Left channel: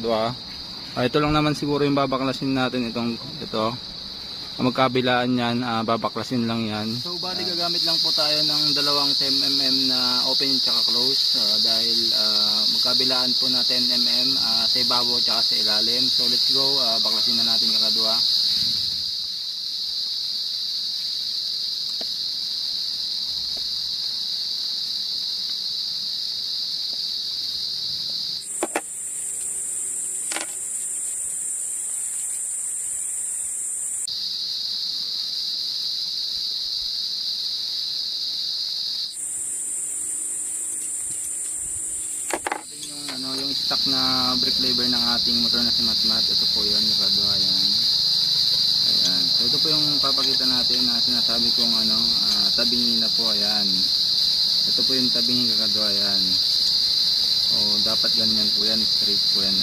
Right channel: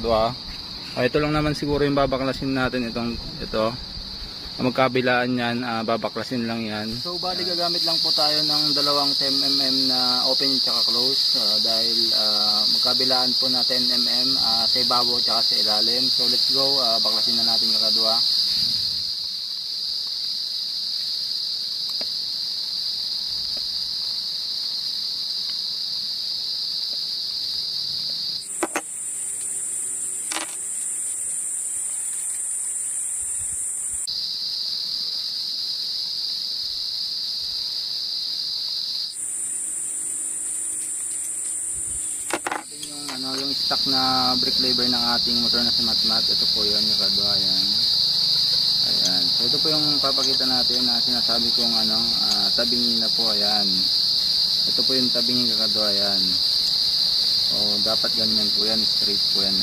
Ito lang naman siguro yung babaklasin natin ito. Magkabilaan yan, babaklasin lang yan. So bali gagamit lang po tayo ng dalawang 10mm na open tsaka close dahil magkabilaan po na 10mm sa ibabaw tsaka sa ilalim. So let's go, baklasin na natin kakadwa. Yung stock na brake lever ng ating motor na si Matmat, ito po yun, yung kadwa, ayan. So ito po yung papakita natin na sinasabi kong tabingi na po, ayan. Ito po yung tabingi kakadwa, ayan. So dapat ganyan po yan, straight po yan.